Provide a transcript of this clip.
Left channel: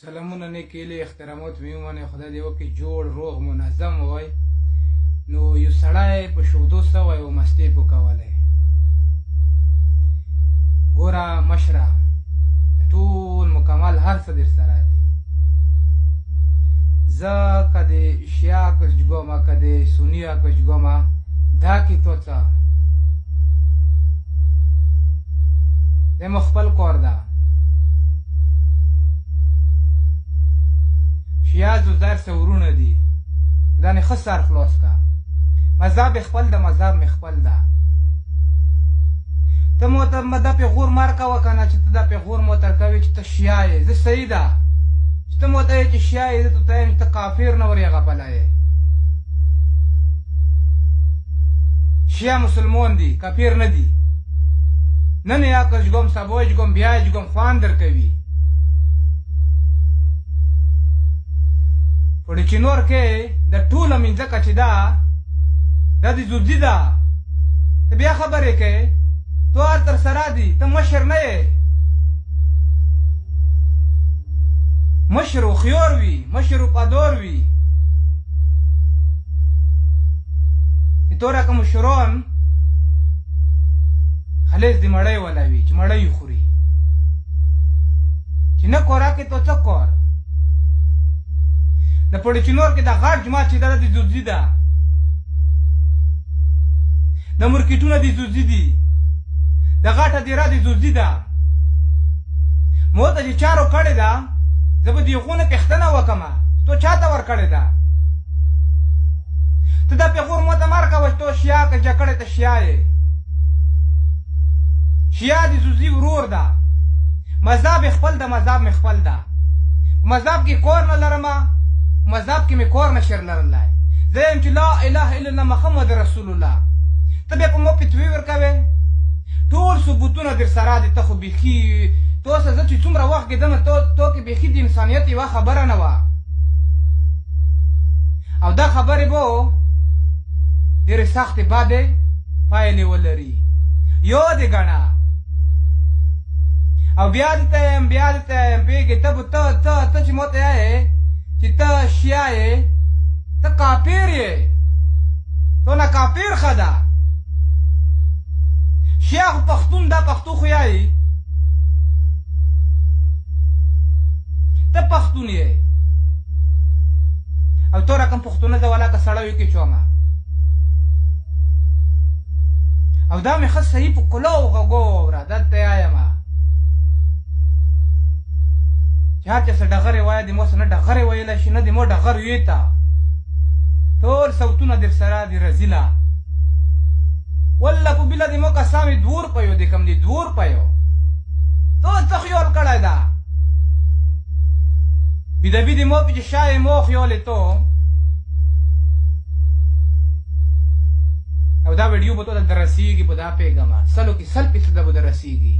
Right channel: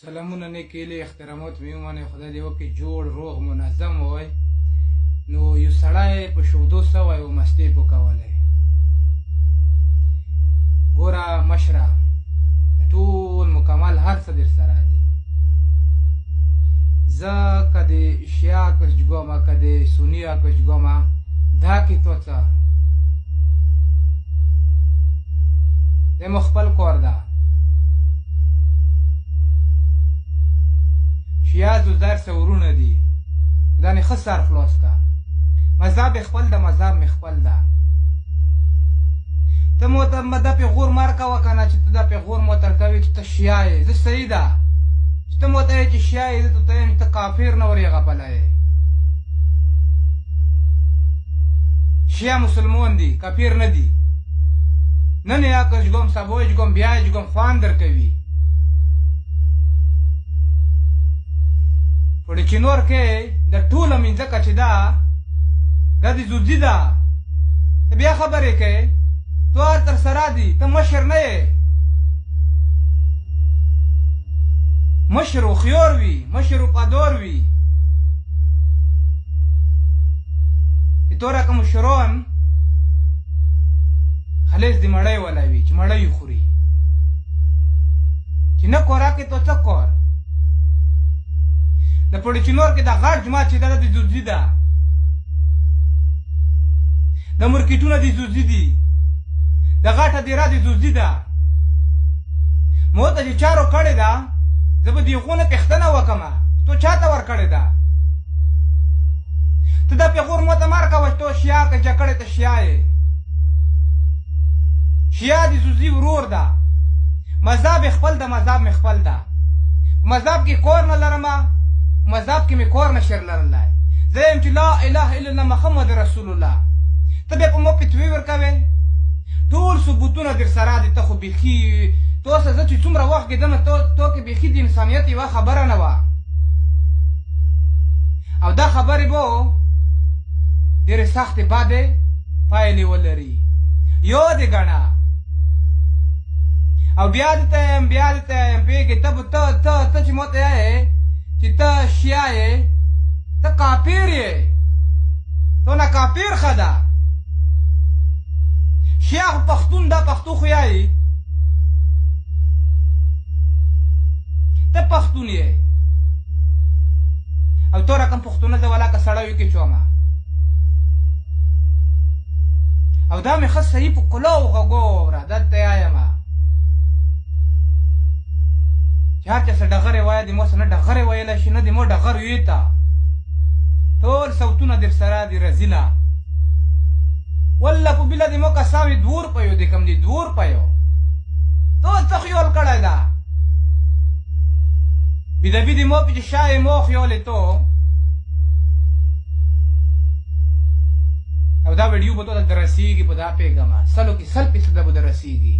سلامونه نیکیلې احترامات مې ومنئ خدای دې وکړي جوړ روغ منظم وای نو یو سړی په شودو سوی و مستې پوکولی ګوره مشره ټول مکمل هر څه در سره دی زه که د شیعه کشجګومه که د سنیه کشجګومه دا کې تو څه د مو خپل کور ده شیعه زر سورونه دي دا نه ښه سر خلاص که مذهب خپل ده مذهب مې خپل ده ته مو ته دا پیغور مار کوه که نه چې ته دا پیغور مو تر کوې چې ته شیعه یې زه صحیح ده چې ته مو ته یې چې شیعه یې زه ته یم چې ته کافر نه ورې غپلی یې شیعه مسلمان دي کافر نه دي نن یا کشګوم سبا جګوم بیا جګوم خوان در کوي په چینور کې د ټوله منځکه چې ده دا د زوزي ده ته بیا خبرې کوې تو هر تر سره دي ته مشر نه یې مشر و خیار وي مشر و پدار وي چې تو رقم مشران خلیص د مړی ولی وي چې مړی خوري چې نه کوره کې تو څه کور د پړچینور کې د غټ جماعت چې دا د زوزي ده د مرکیټونه د زوزي دي د غټه دیره د زوزي ده مو ته چې چارو کړې ده زه به د هغونه پېښتنه وکړمه تو چاته ورکړې ده ته دا پیغور مو ته مار کوه چې تو شیعه که جکړې ته شیعه یې شیعه د زوزي ورور ده مذهب خپل ده مذهب مې خپل ده مذهب کې کور نه لرمه مذهب کې مې کور نشر لرلی زه یم چې لا اله الا الله محمد رسول الله ته بیا په مو فتوې ورکوې ټول ثبوتونه در سره دي ته خو بیخي تو سه زه چې څومره وخت کېدمه تو کې بیخي د انسانیت یوه خبره نه وه او دا خبرې به ډېرې سختې بدې پایلې ولري یاد یې ګڼه او بیا دې ته یم بیا دې ته یم پوهېږې ته چې ما ته یې چې ته شیعه یې ته کافر یې تو نه کافر ښه ده شیعه خو پښتون دا پښتو خو یایي ته پښتون یې او تو رقم پښتونه زه ولاکه سړیو کې چومه او دا مې ښه صحیح په کلو غږو اوره دلته یایمه چې هر چا څه ډغرې وایه د مو څه نه ډغرې ویلی شي نه د مو ډغر ویې ته ټول صوتونه در سره د رزیله والله په بله د مو قسم یې 2 روپیو د کم دي 2 روپیو تو څه خیال کړی ده بیدبي د مو پې چې شا یې مو خیال یې تو او دا ویډیو به تو ته در رسېږي په دا پوهېږمه 100 کې 100% به در رسېږي